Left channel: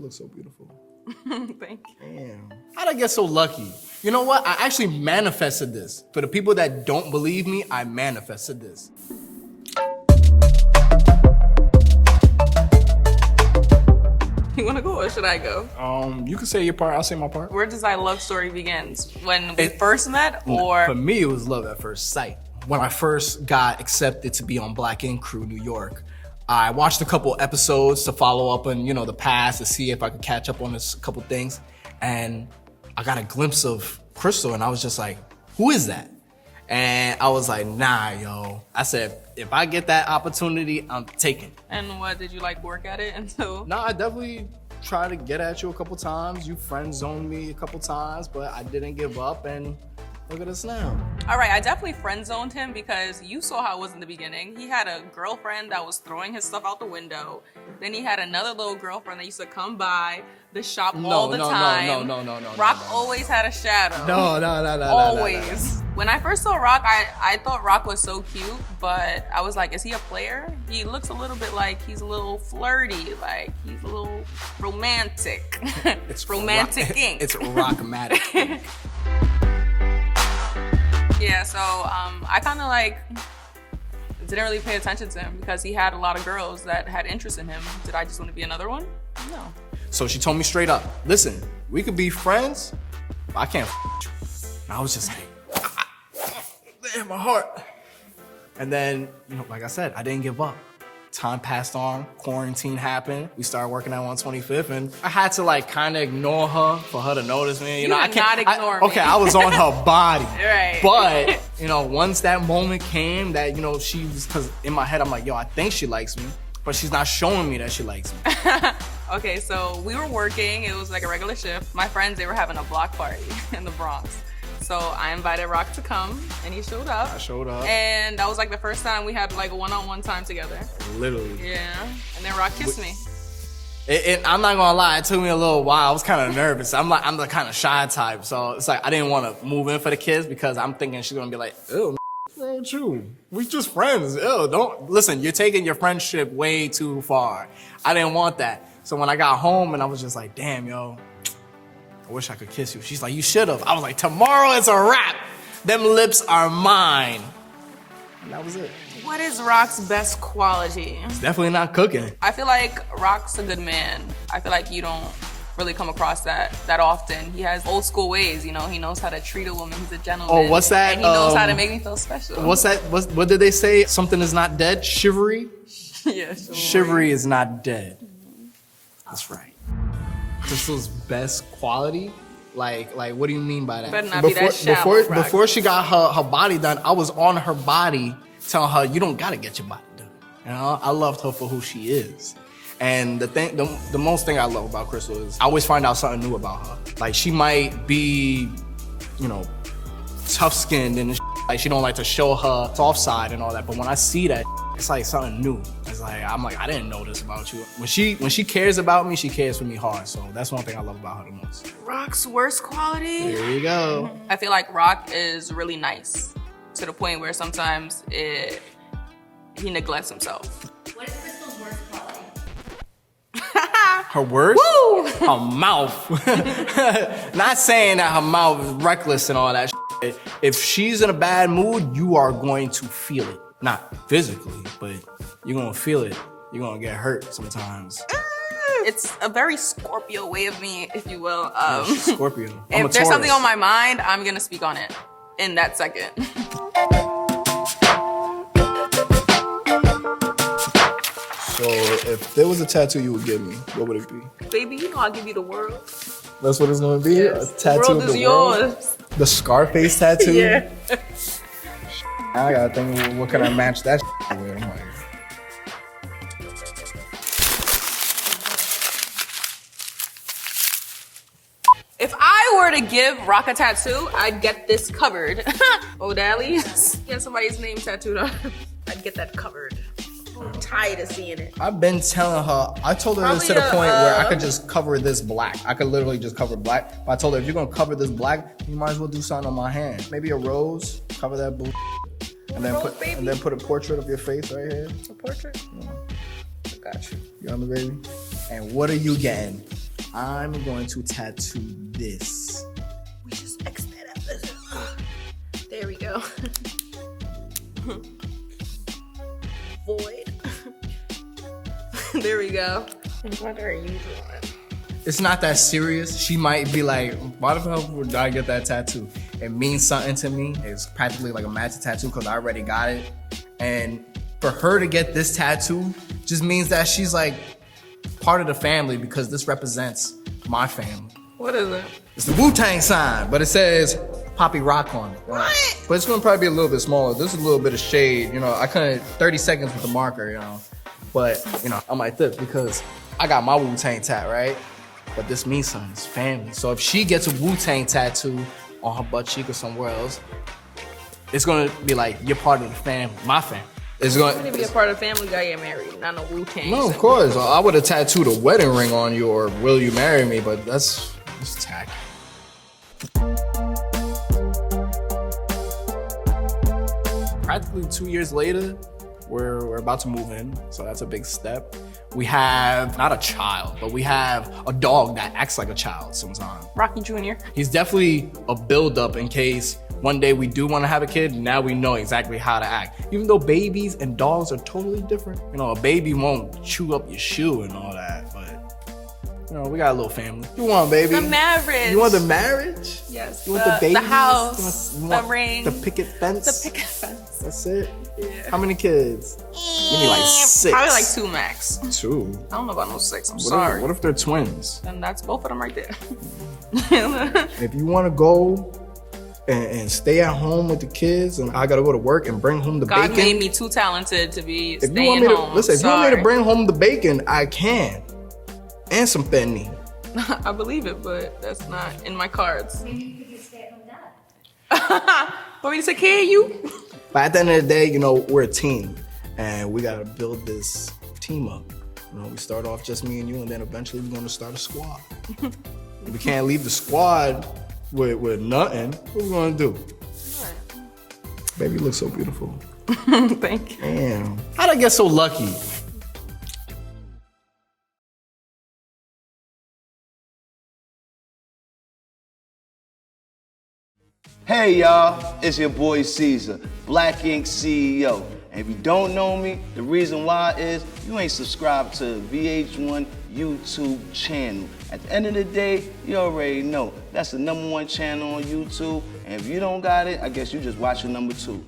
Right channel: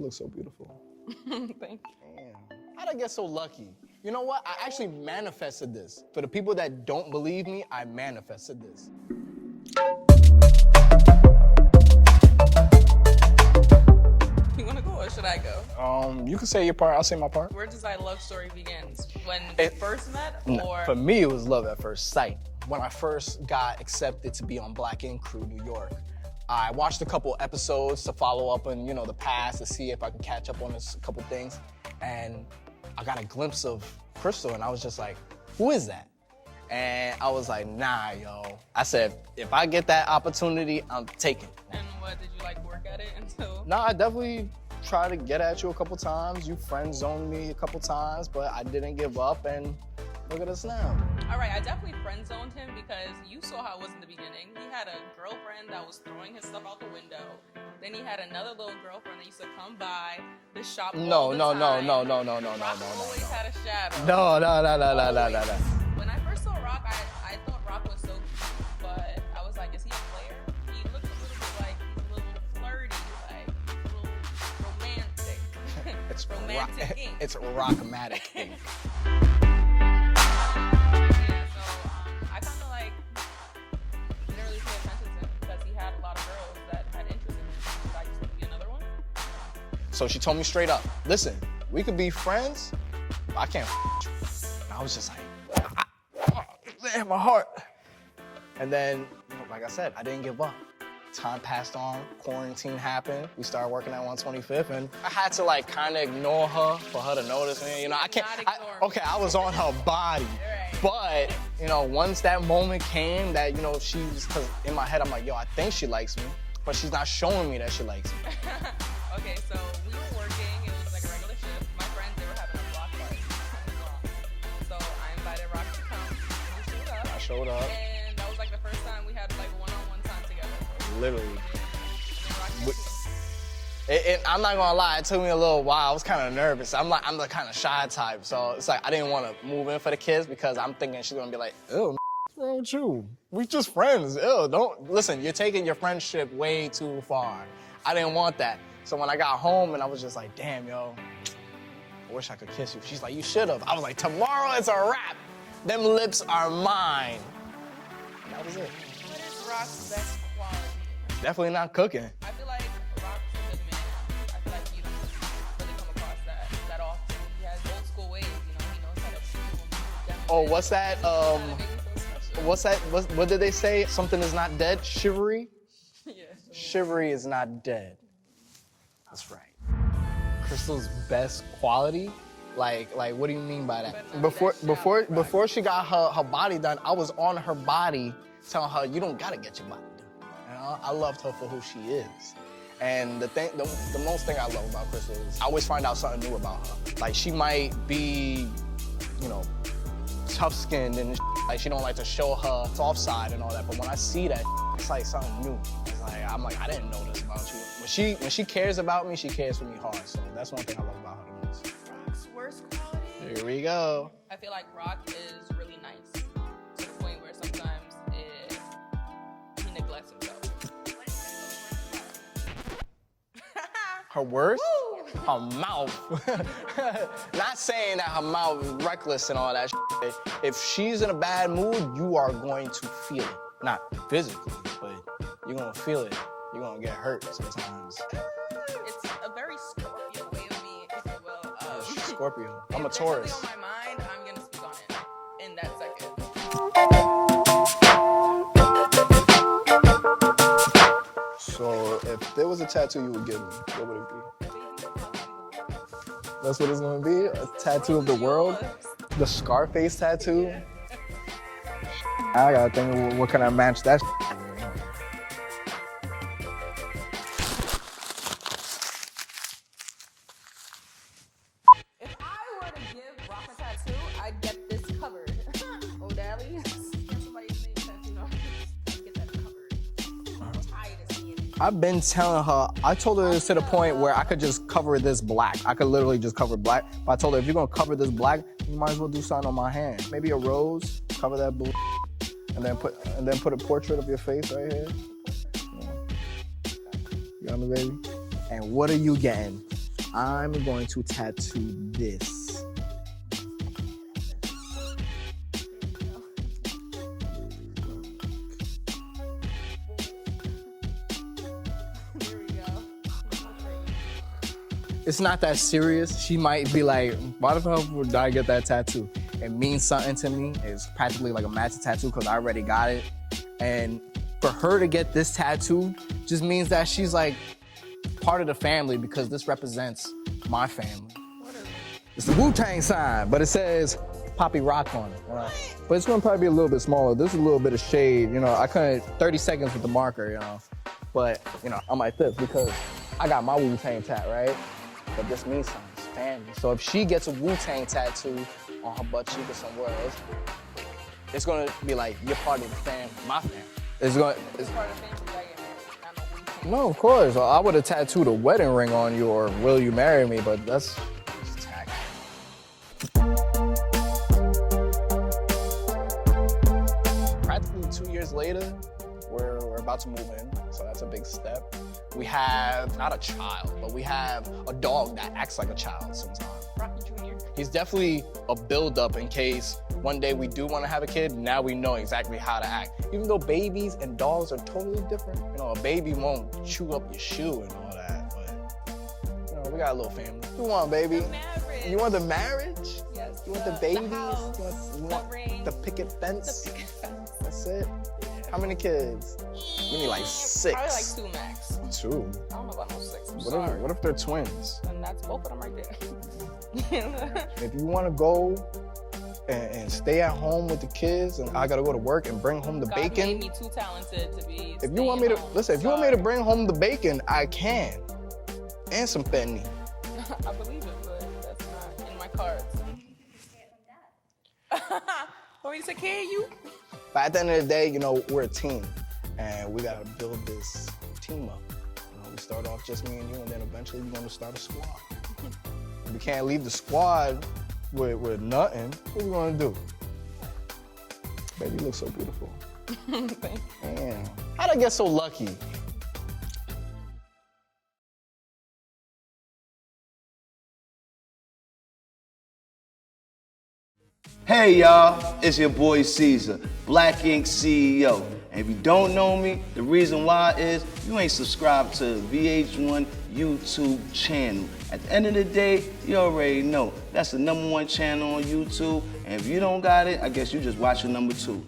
look so beautiful. Thank you. Damn. How'd I get so lucky? You know what? I actually manifested this. For the people that don't believe me, I manifested this. You wanna go or should I go? You can say your part, I'll say my part. Where does our love story begins? When we first met, or? For me, it was love at first sight. When I first got accepted to be on Black Ink Crew New York, I watched a couple episodes to follow up on, the past to see if I could catch up on a couple things. And I got a glimpse of Krystal and I was just like, who is that? And I was like, nah, yo. I said, if I get that opportunity, I'm taking it. And what, did you work at it until? No, I definitely tried to get at you a couple times. You friend zoned me a couple times, but I didn't give up and look at us now. All right, I definitely friend zoned him because you saw how it was in the beginning. He had a girlfriend that was throwing his stuff out the window. Then he had another little girlfriend that used to come by the shop all the time. No. Rock always had a shadow. No. Always. When I first saw Rock, I thought Rock was so cute, but I was like, is he a player? He looks a little bit like he's a little flirty, like he's a little romantic. It's romantic ink. It's rockmatic. Yeah, so I kind of didn't really pay attention to him because he had a lot of girls that had interest in him. Did I just want to be another one? No. So she told me straight up, listen, we could be friends, but I can't you. And I was just like, man, my heart. And then, like I said, I didn't give up. Time passed on, quarantine happened. We started working at 125th, and I had to kind of ignore her for her to notice me. I can't ignore me. Okay, I was on her body. Right. But, once that moment came that, she was, because in my head, I'm like, yo, I think she likes me, but she's not showing me that she likes me. Okay, so we were working. It was like a regular shift. My friends, they were having a block party in the Bronx. So I invited Rock to come, and he showed up. I showed up. And that was the first time we had a one-on-one time together. Literally. Yeah. And then Rock kissed me. I'm not gonna lie, it took me a little while. I was kind of nervous. I'm the kind of shy type, so it's I didn't want to move in for the kiss because I'm thinking she's gonna be like, ew, what's wrong with you? We just friends. Ew, don't listen. You're taking your friendship way too far. I didn't want that. So when I got home and I was just like, damn, yo. I wish I could kiss you. She's like, you should have. I was like, tomorrow it's a wrap. Them lips are mine. And that was it. What is Rock's best quality? It's definitely not cooking. I feel like Rock's a good man. I feel like you don't really come across that often. He has old school ways, He knows how to treat a woman. He's a gentleman. Oh, what's that? And he knows how to make me feel special. What's that? What did they say? Something is not dead? Chivalry? Yeah, chivalry is not dead. That's right. Krystal's best quality? Like, what do you mean by that? Better not be that shallow, before she got her body done, I was on her body telling her, you don't gotta get your body done. I loved her for who she is. And the most thing I love about Krystal is I always find out something new about her. Like, she might be, tough-skinned and she don't like to show her soft side and all that, but when I see that, it's like something new. It's I'm like, I didn't know this about you. When she cares about me, she cares for me hard. So that's one thing I love about her the most. Rock's worst quality? Here we go. I feel like Rock is really nice to the point where sometimes he neglects himself. What is Krystal's worst quality? Her worst? Woo! Her mouth. Not saying that her mouth is reckless and all that shit. If she's in a bad mood, you are going to feel it. Not physically, but you're gonna feel it. You're gonna get hurt sometimes. It's a very Scorpio way of me, if you will. Scorpio. If there's something on my mind, I'm gonna speak on it in that second. So if there was a tattoo you would give me, what would it be? Baby, I'll give you the world. That's what it's gonna be? Yes. A tattoo The world of the is world? yours. The Scarface tattoo? Yeah. I gotta think, well, what can I match that with? If I were to give Rock a tattoo, I'd get this covered. O'Dally? Yeah, somebody's name tattooed on. I'd get that covered. I'm tired of seeing it. I've been telling her, I told her this to the point where I could just cover this black. I could literally just cover black. But I told her, if you're gonna cover this black, you might as well do something on my hand. Maybe a rose, cover that blue. And then put a portrait of your face right here. A portrait? Yeah. Gotcha. You know me, baby? And what are you getting? I'm going to tattoo this. We just X that out. There we go. Void. There we go. What are you doing? It's not that serious. She might be like, why the fuck would I get that tattoo? It means something to me. It's practically like a magic tattoo because I already got it. And for her to get this tattoo just means that she's like part of the family because this represents my family. What is it? It's the Wu-Tang sign, but it says Poppy Rock on it. What? But it's gonna probably be a little bit smaller. This is a little bit of shade, you know. I couldn't 30 seconds with the marker, you know. But, you know, on my fifth because I got my Wu-Tang tat, right? But this means something, it's family. So if she gets a Wu-Tang tattoo on her butt cheek or somewhere else, it's gonna be like, you're part of the family, my family. It's To gonna be a part of the family, you gotta get married, not no Wu-Tang. No, of course. I would have tattooed a wedding ring on you or will you marry me, but that's tacky. Practically 2 years later, we're about to move in, so that's a big step. We have, not a child, but we have a dog that acts like a child sometimes. Rocky Jr. He's definitely a build-up in case one day we do want to have a kid. Now we know exactly how to act. Even though babies and dogs are totally different. You know, a baby won't chew up your shoe and all that, but you know, we got a little family. You want, baby? The marriage. You want the marriage? Yes. You want the baby? The house. You The want ring. the picket fence? The picket fence. That's it? Yeah. How many kids? We need like 6. Probably like 2 max. 2. I don't know about no 6. I'm What sorry. What if they're twins? Then that's both of them right there. If you want to go and stay at home with the kids, and I gotta go to work and bring home the God bacon. made me too talented to be If you want staying me to home. listen, if you want me to bring home the bacon, I can, and some fentanyl. I believe it, but that's not in my cards. Maybe you could just stay at home dad. Want me to take care of you? But at the end of the day, you know, we're a team, and we gotta build this team up. You know, we start off just me and you, and then eventually we're gonna start a squad. We can't leave the squad with nothing. What we gonna do? Baby, you look so beautiful. Thank you. Damn. How'd I get so lucky? Hey y'all, it's your boy Caesar, Black Ink CEO. And if you don't know me, the reason why is you ain't subscribed to VH1 YouTube channel. At the end of the day, you already know that's the #1 channel on YouTube. And if you don't got it, I guess you just watching #2.